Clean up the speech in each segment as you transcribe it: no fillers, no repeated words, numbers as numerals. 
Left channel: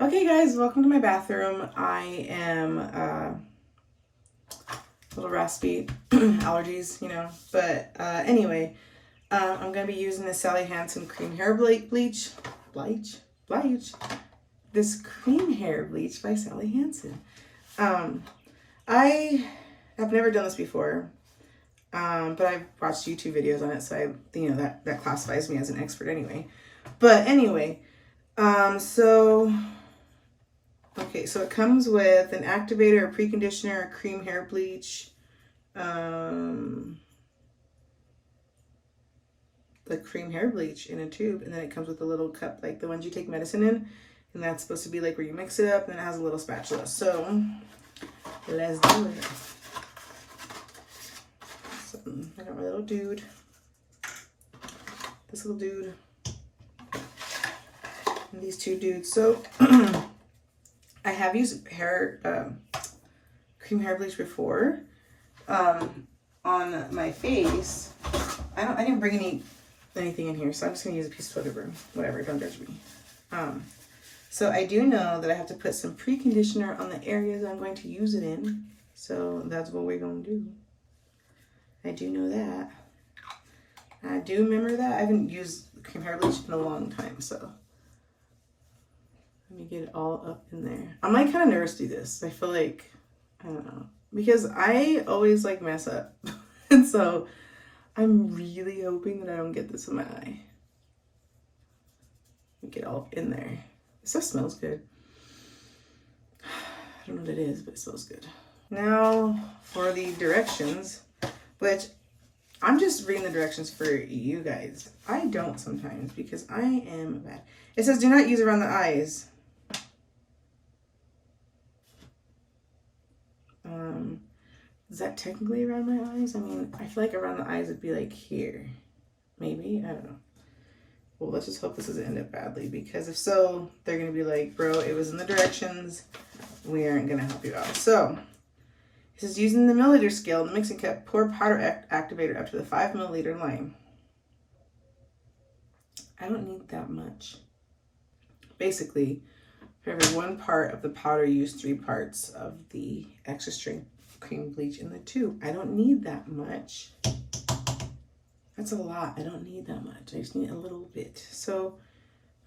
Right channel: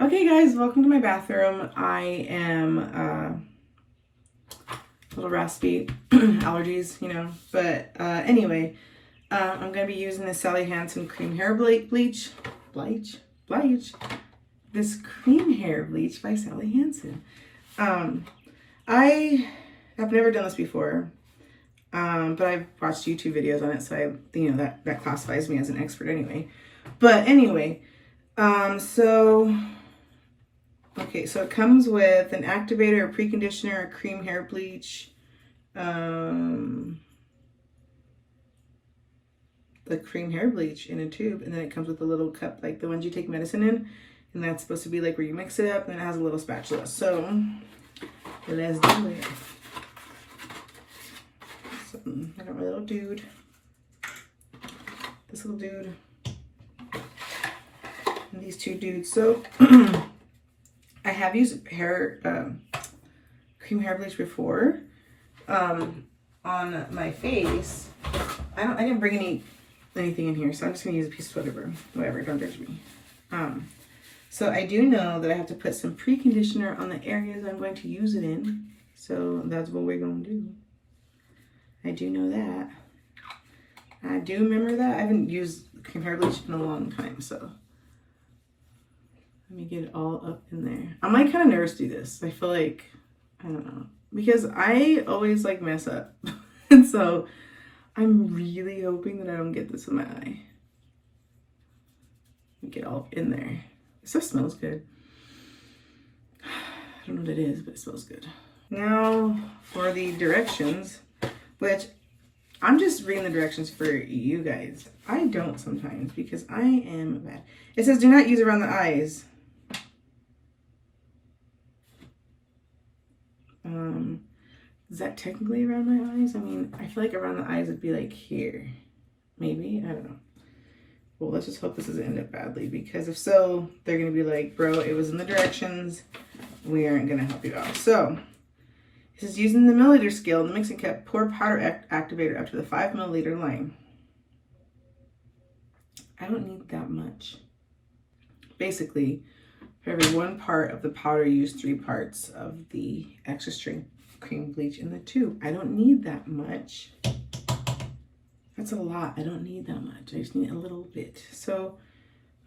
Okay guys, welcome to my bathroom. I am a little raspy, allergies, but anyway, I'm going to be using the Sally Hansen cream hair bleach, this cream hair bleach by Sally Hansen. I have never done this before, but I've watched YouTube videos on it, so that classifies me as an expert anyway. But anyway, okay, so it comes with an activator, a preconditioner, a cream hair bleach, the cream hair bleach in a tube, and then it comes with a little cup like the ones you take medicine in, and that's supposed to be like where you mix it up, and it has a little spatula. So let's do it. So I got my little dude, this little dude, and these two dudes. So I have used cream hair bleach before on my face. I didn't bring anything in here, so I'm just gonna use a piece of toilet paper. Whatever, don't judge me. So I do know that I have to put some preconditioner on the areas I'm going to use it in. So that's what we're gonna do. I do know that. I do remember that. I haven't used cream hair bleach in a long time, so let me get it all up in there. I'm like kind of nervous to do this. I feel like, I don't know, because I always like mess up. And so I'm really hoping that I don't get this in my eye. Get it all in there. It still smells good. I don't know what it is, but it smells good. Now for the directions, which I'm just reading the directions for you guys. I don't sometimes because I am bad. It says do not use around the eyes. Is that technically around my eyes? I feel like around the eyes would be like here. Maybe, I don't know. Well, let's just hope this doesn't end up badly, because if so, they're gonna be like, bro, it was in the directions. We aren't gonna help you out. So, this is using the milliliter scale in the mixing cup. Pour powder activator up to the 5 milliliter line. I don't need that much. Basically, for every 1 part of the powder, use 3 parts of the extra strength cream bleach in the tube. I don't need that much. That's a lot. I don't need that much. I just need a little bit. So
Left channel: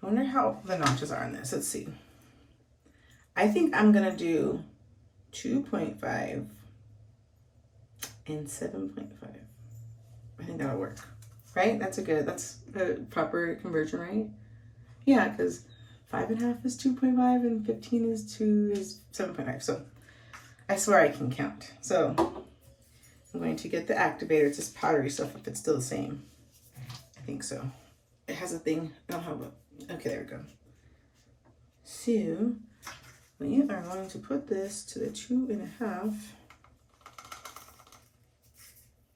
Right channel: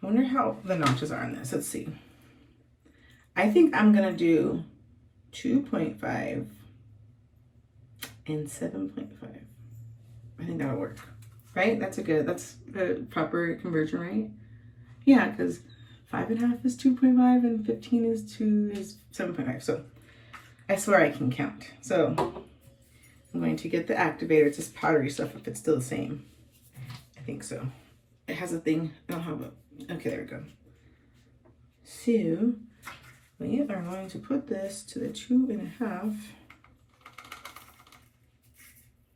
I wonder how the notches are on this. Let's see. I think I'm gonna do 2.5 and 7.5. I think that'll work, right? That's a proper conversion, right? Yeah, because 5.5 is 2.5 and 15 is 7.5. So I swear I can count. So I'm going to get the activator. It's just powdery stuff if it's still the same. I think so. It has a thing. Oh, how about? Okay, there we go. So we are going to put this to the 2.5.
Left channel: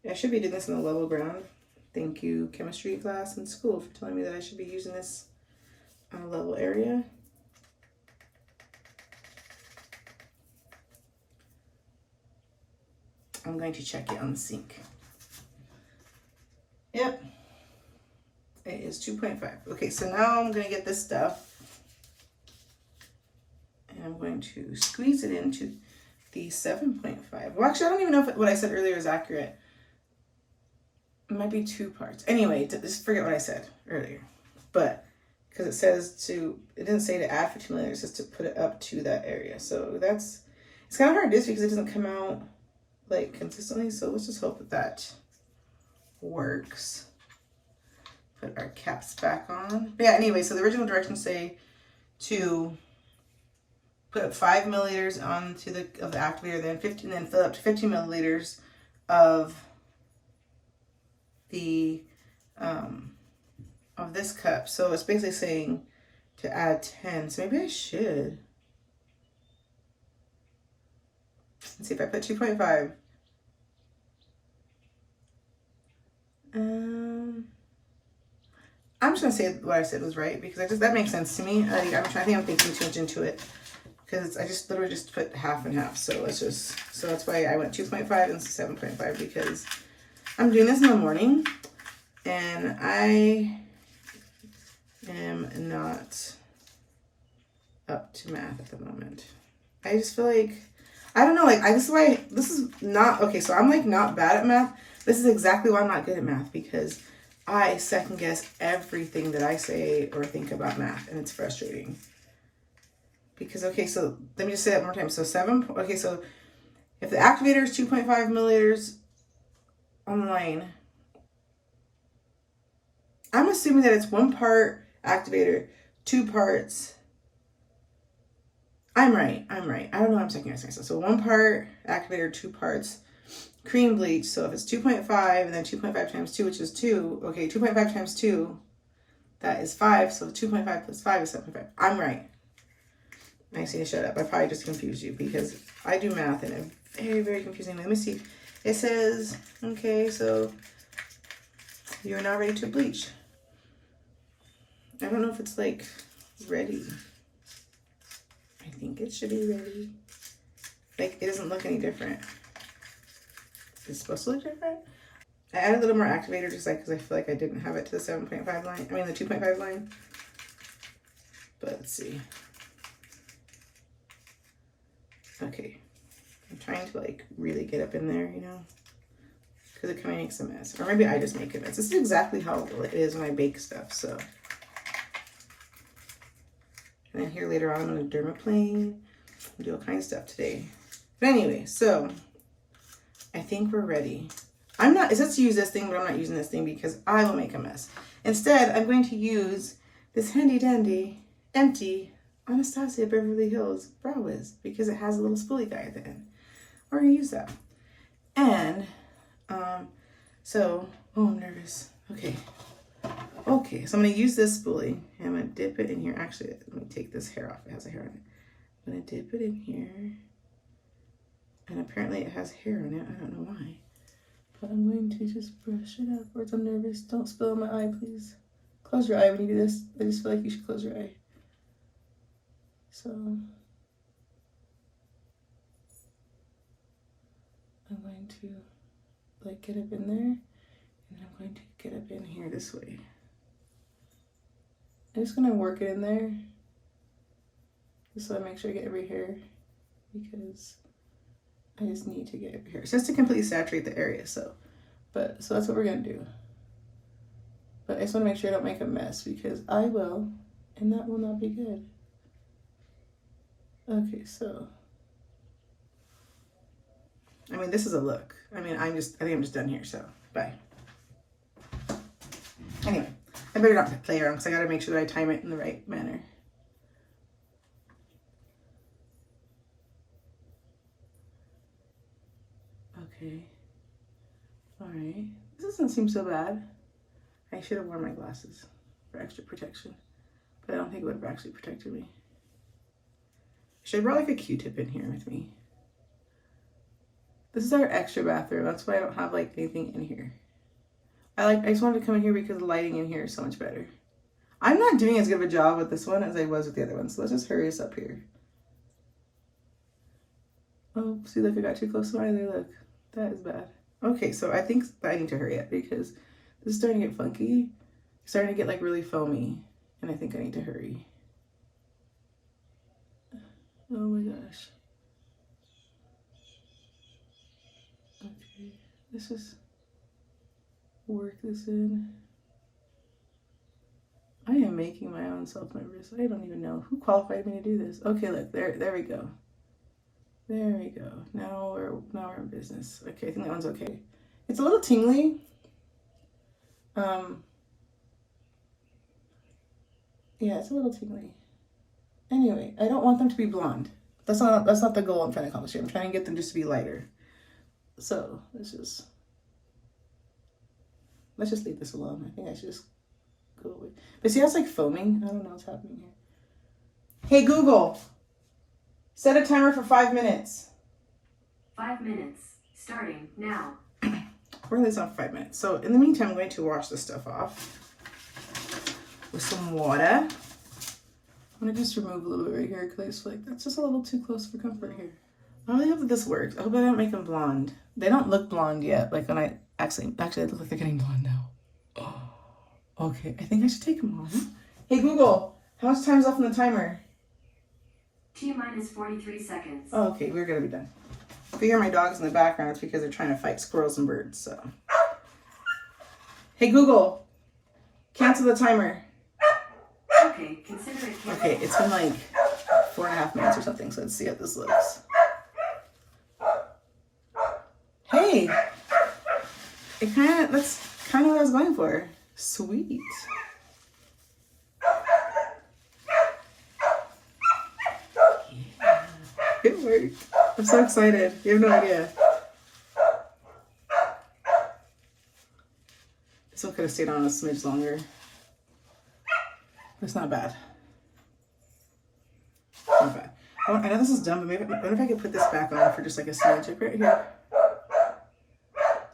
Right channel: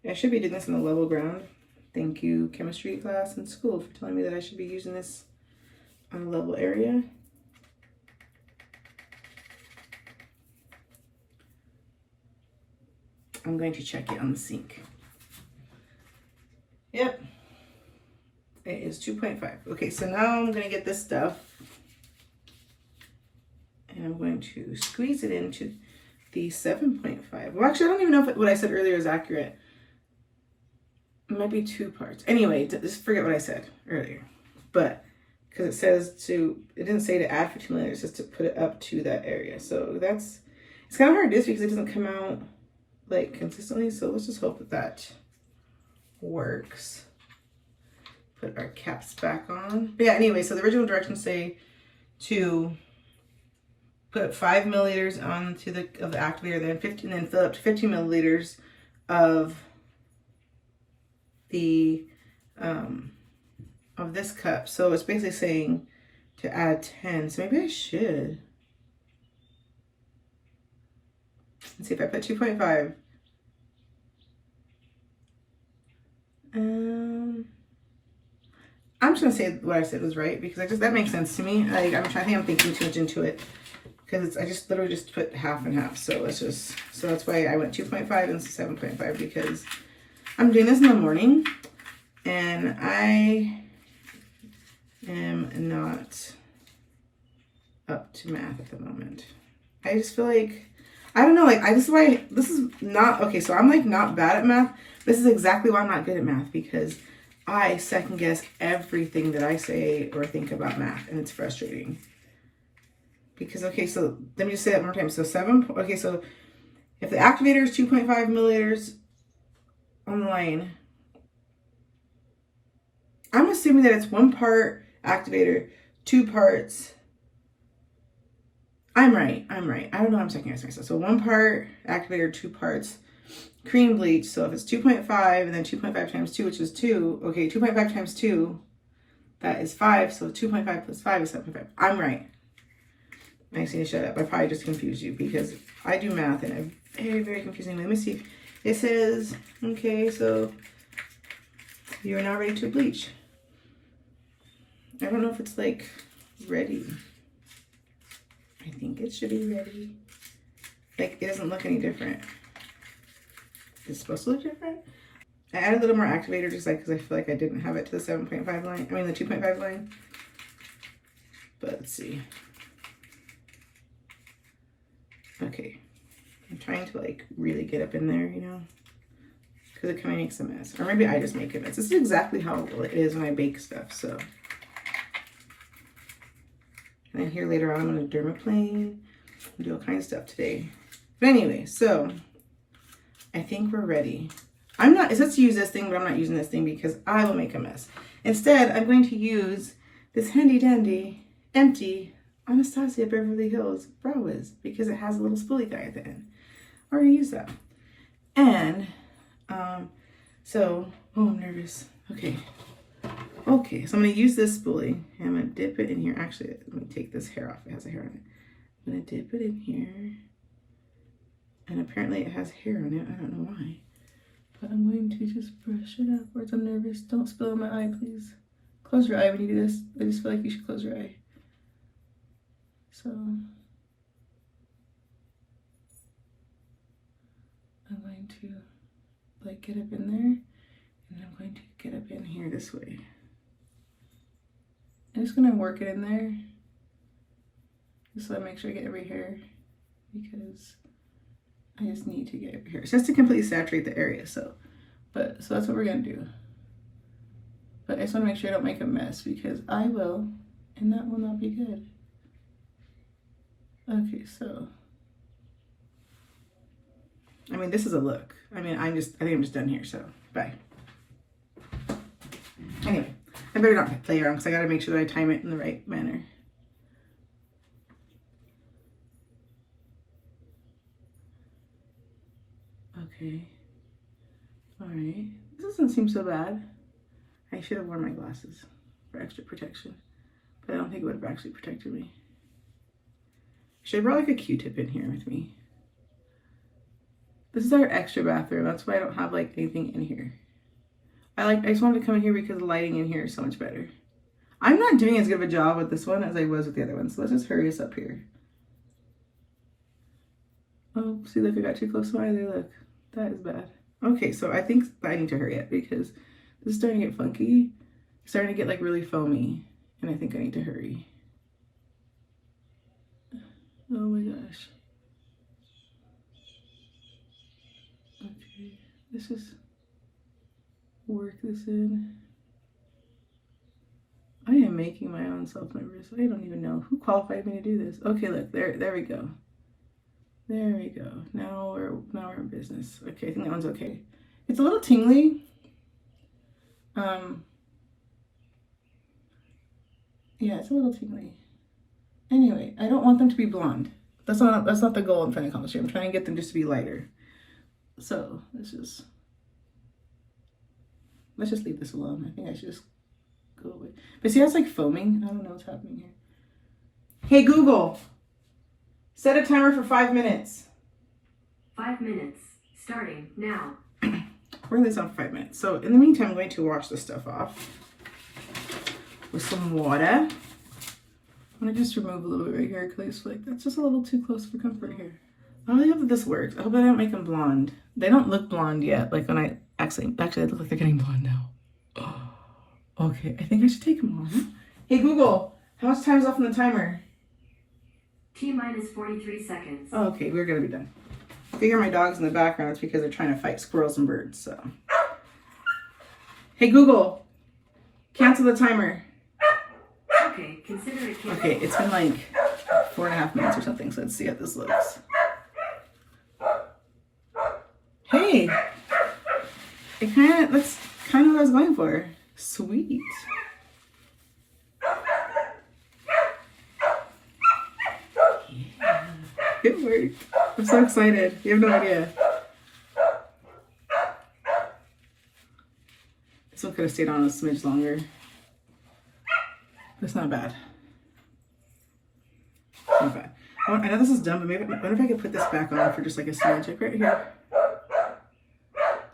I should be doing this in a level ground. Thank you, chemistry class in school, for telling me that I should be using this on a level area. I'm going to check it on the sink. Yep, it is 2.5. Okay, so now I'm going to get this stuff and I'm going to squeeze it into the 7.5. Well, actually, I don't even know if what I said earlier is accurate. It might be 2 parts. Anyway, just forget what I said earlier. But because it didn't say to add 15 milliliters, it says to put it up to that area. So it's kind of hard to do because it doesn't come out like consistently. So let's just hope that works. Put our caps back on. But yeah, anyway, so the original directions say to put 5 milliliters onto the activator, then fill up to 15 milliliters of the of this cup. So it's basically saying to add 10. So maybe I should. Let's see if I put 2.5. I'm just gonna say what I said was right because that makes sense to me. I think I'm thinking too much into it because I just literally just put half and half. So that's why I went 2.5 and 7.5 because I'm doing this in the morning and I am not up to math at the moment. I just feel like, I don't know, like, this is why, this is not, okay, so I'm like not bad at math. This is exactly why I'm not good at math, because I second guess everything that I say or think about math, and it's frustrating. Because, okay, so let me just say that one more time. So okay, so if the activator is 2.5 milliliters on the line, I'm assuming that it's 1 part activator, 2 parts. I'm right. I don't know, I'm second guessing myself. So 1 part activator, 2 parts cream bleach. So if it's 2.5 and then 2.5 times 2, which is 2, okay, 2.5 times 2, that is 5. So 2.5 plus 5 is 7.5. I'm right. I just need to shut up. I probably just confused you because I do math in a very, very confusing way. Let me see. It says, okay, so you are now ready to bleach. I don't know if it's like ready. I think it should be ready. Like, it doesn't look any different. It's supposed to look different. I added a little more activator just like because I feel like I didn't have it to the 7.5 line. I mean the 2.5 line. But let's see. Okay. I'm trying to like really get up in there, you know, because it kind of makes a mess. Or maybe I just make a mess. This is exactly how it is when I bake stuff. So. And then here later on, I'm going to dermaplane and do all kinds of stuff today. But anyway, so I think we're ready. It says to use this thing, but I'm not using this thing because I will make a mess. Instead, I'm going to use this handy dandy, empty Anastasia Beverly Hills Brow Wiz because it has a little spoolie guy at the end. I already use that. And, oh, I'm nervous. Okay, so I'm going to use this spoolie and I'm going to dip it in here. Actually, let me take this hair off. It has a hair on it. I'm going to dip it in here. And apparently it has hair on it. I don't know why. But I'm going to just brush it upwards. I'm nervous. Don't spill on my eye, please. Close your eye when you do this. I just feel like you should close your eye. So I'm going to like get up in there. And I'm going to get up in here this way. I'm just going to work it in there. Just so I make sure I get every hair. Because I just need to get every hair. It's just to completely saturate the area. So that's what we're going to do. But I just want to make sure I don't make a mess. Because I will. And that will not be good. Okay, so. I mean, this is a look. I mean, I think I'm just done here. So, bye. Anyway, I better not play around because I got to make sure that I time it in the right manner. Okay. All right. This doesn't seem so bad. I should have worn my glasses for extra protection, but I don't think it would have actually protected me. Should have brought like a Q-tip in here with me. This is our extra bathroom. That's why I don't have like anything in here. I just wanted to come in here because the lighting in here is so much better. I'm not doing as good of a job with this one as I was with the other one, so let's just hurry us up here. Oh, see, look, I got too close to my eye there, look. That is bad. Okay, so I think I need to hurry up because this is starting to get funky. It's starting to get like really foamy, and I think I need to hurry. Oh my gosh. Okay, let's just work this in. I am making my own self nervous. I don't even know who qualified me to do this. Okay, look, there we go. There we go. Now we're in business. Okay, I think that one's okay. It's a little tingly. Yeah, it's a little tingly. Anyway, I don't want them to be blonde. That's not the goal I'm trying to accomplish here. I'm trying to get them just to be lighter. So let's just leave this alone. I think I should just go away. But see how it's like foaming? I don't know what's happening here. Hey Google, set a timer for 5 minutes. 5 minutes, starting now. We're gonna leave this on for 5 minutes. So in the meantime, I'm going to wash this stuff off with some water. I'm gonna just remove a little bit right here because I just feel like that's just a little too close for comfort here. I really hope that this works. I hope I don't make them blonde. They don't look blonde yet. Like when I actually they look like they're getting blonde now. Oh, okay, I think I should take them off. Hey Google, how much time is left on the timer? T-minus 43 seconds. Oh, okay, we're gonna be done. If you hear my dogs in the background, it's because they're trying to fight squirrels and birds, so. Hey Google, cancel the timer. Okay, consider it canceled. Okay, it's been like 4.5 minutes or something, so let's see how this looks. Hey, that's kind of what I was going for. Sweet. Yeah. It worked. I'm so excited. You have no idea. This one could have stayed on a smidge longer. It's not bad. Not bad. I know this is dumb, but maybe, I wonder if I could put this back on for just like a smidge, like right here.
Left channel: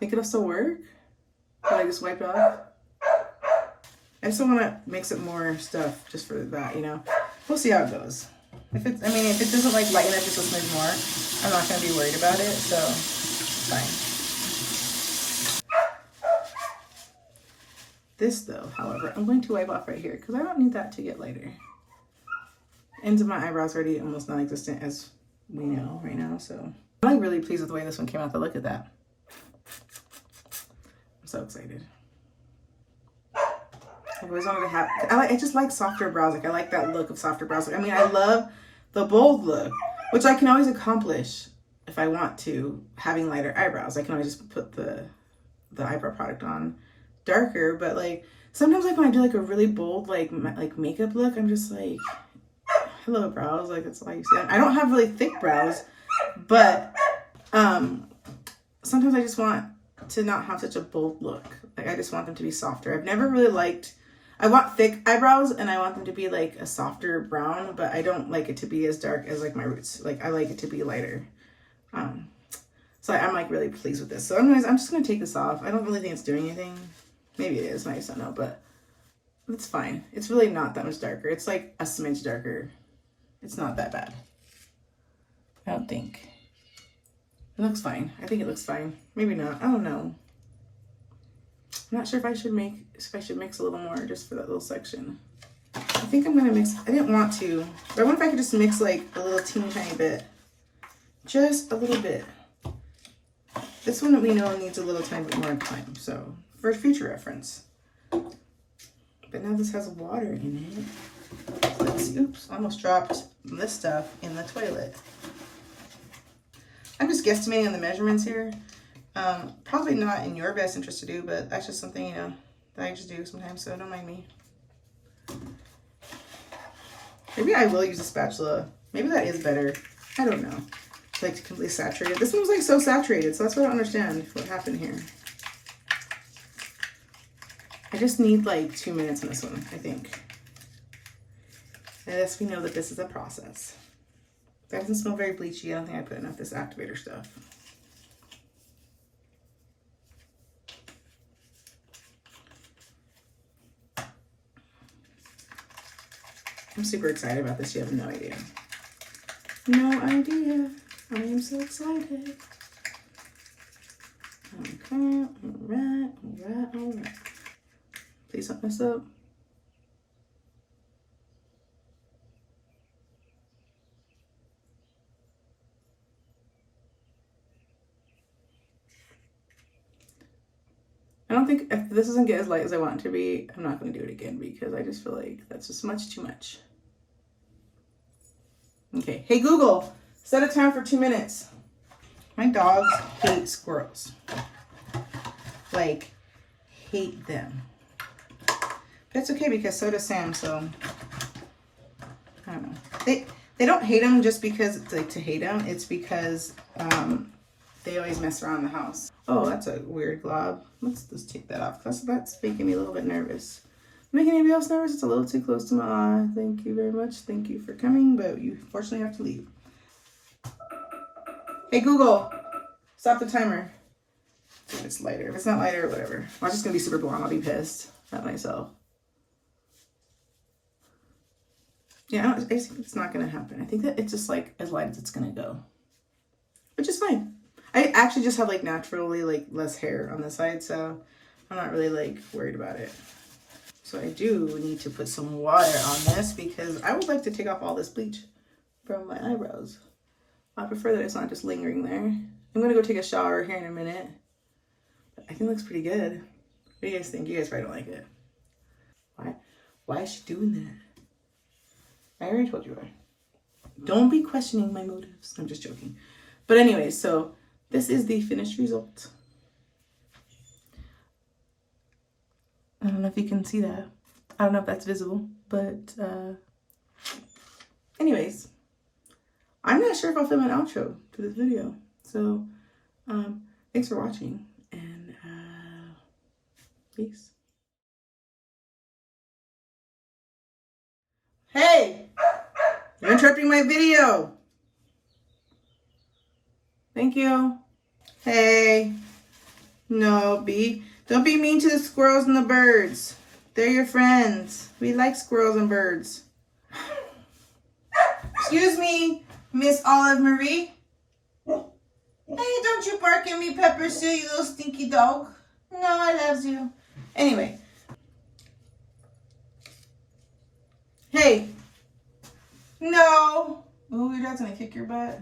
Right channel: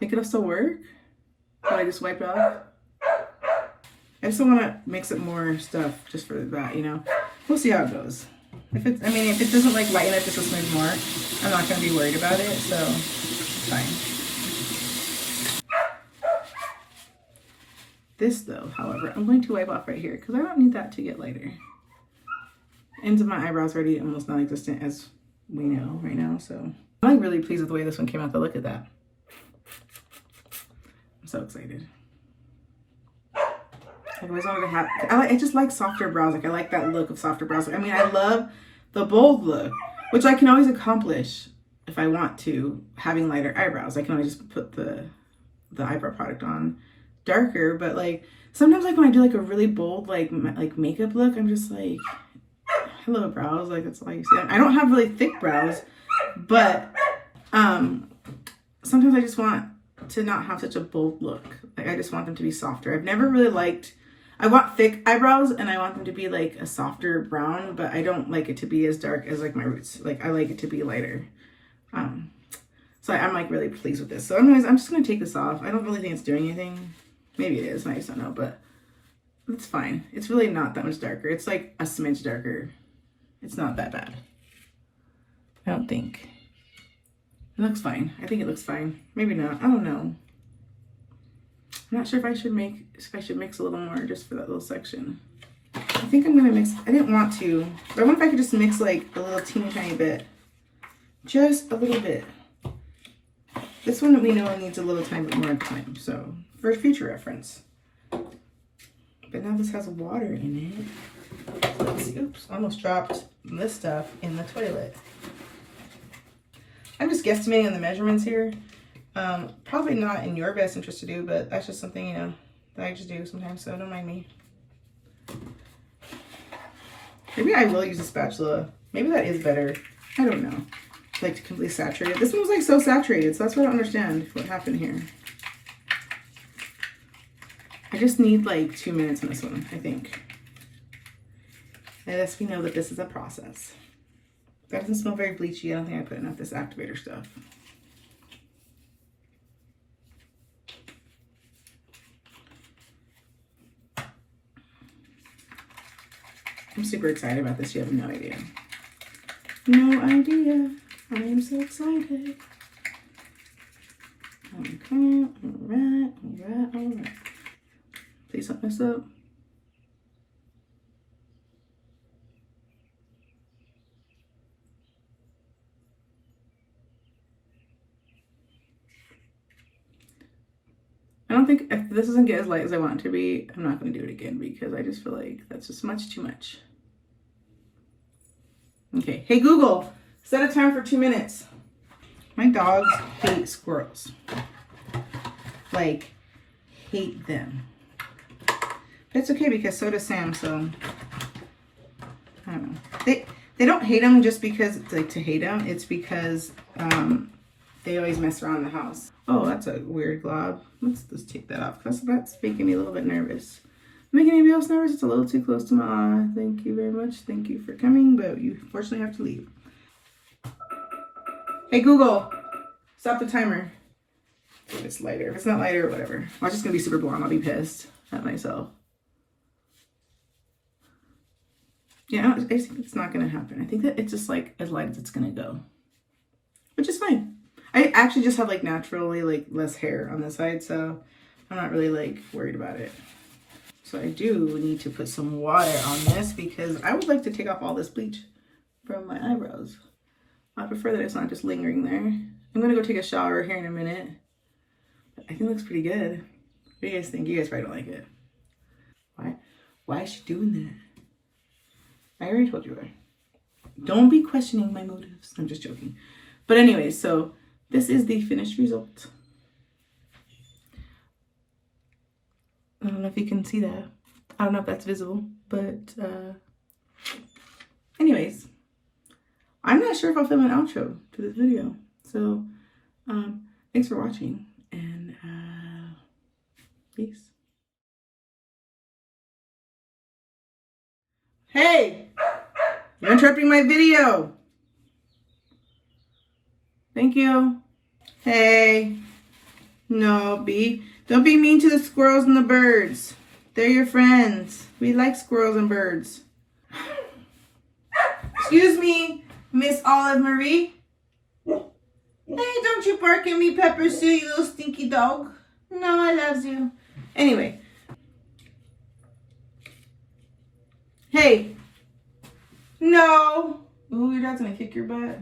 Think it'll still work? Can I just wipe it off? I just don't want to mix it more stuff just for that, you know? We'll see how it goes. If it doesn't like lighten up just a smidge more, I'm not going to be worried about it, so it's fine. This though, however, I'm going to wipe off right here because I don't need that to get lighter. Ends of my eyebrows are already almost non-existent as we know right now, so I'm like really pleased with the way this one came out. Though. Look at that. I'm so excited. I always wanted to have, I just like softer brows. Like I like that look of softer brows. I mean, I love the bold look, which I can always accomplish if I want to, having lighter eyebrows. I can always just put the eyebrow product on darker, but like sometimes like when I do like a really bold like makeup look, I'm just like, hello brows, like that's all you see. I don't have really thick brows, but sometimes I just want to not have such a bold look. Like I just want them to be softer. I've never really liked, I want thick eyebrows and I want them to be like a softer brown, but I don't like it to be as dark as like my roots. Like I like it to be lighter. So I'm like really pleased with this. So anyways, I'm just gonna take this off. I don't really think it's doing anything. Maybe it is, I just don't know, but it's fine. It's really not that much darker. It's like a smidge darker. It's not that bad. I don't think. It looks fine. I think it looks fine. Maybe not. I don't know. I'm not sure if I should mix a little more just for that little section. I think I'm gonna mix, I didn't want to, but I wonder if I could just mix like a little teeny tiny bit. Just a little bit. This one we know needs a little tiny bit more time, so for future reference. But now this has water in it. So let's see. Oops, almost dropped this stuff in the toilet. I'm just guesstimating on the measurements here. Probably not in your best interest to do, but that's just something, you know, that I just do sometimes, so don't mind me. Maybe I will use a spatula. Maybe that is better. I don't know. Like to completely saturate it. This one was like so saturated, so that's what I don't understand what happened here. I just need like 2 minutes on this one, I think. And as we know that this is a process. That doesn't smell very bleachy. I don't think I put enough of this activator stuff. I'm super excited about this. You have no idea. No idea. I am so excited. Okay, alright. Please don't mess up. I don't think, if this doesn't get as light as I want it to be, I'm not going to do it again because I just feel like that's just much too much. Okay, hey Google, set a timer for 2 minutes. My dogs hate squirrels. Like, hate them. That's okay because so does Sam, so I don't know. They don't hate them just because it's like to hate them. It's because they always mess around the house. Oh, that's a weird glob. Let's just take that off because that's making me a little bit nervous. Making anybody else nervous? It's a little too close to my eye. Thank you very much. Thank you for coming, but you unfortunately have to leave. Hey Google, stop the timer. If it's lighter. If it's not lighter, whatever. Watch, it's gonna be super blonde. I'll be pissed at myself. Yeah, it's not gonna happen. I think that it's just like as light as it's gonna go, which is fine. I actually just have like naturally like less hair on the side, so I'm not really like worried about it. So I do need to put some water on this because I would like to take off all this bleach from my eyebrows. I prefer that it's not just lingering there. I'm gonna go take a shower here in a minute. I think it looks pretty good. What do you guys think? You guys probably don't like it. Why is she doing that? I already told you why. Don't be questioning my motives. I'm just joking. But anyway, so this is the finished result. I don't know if you can see that. I don't know if that's visible, but anyways, I'm not sure if I'll film an outro to this video. So thanks for watching, and peace. Hey, you're interrupting my video. Thank you. Hey, no, don't be mean to the squirrels and the birds. They're your friends. We like squirrels and birds. Excuse me, Miss Olive Marie. Hey, don't you bark at me, Pepper Sue, you little stinky dog. No, I loves you. Anyway. Hey. No. Ooh, your dad's gonna kick your butt.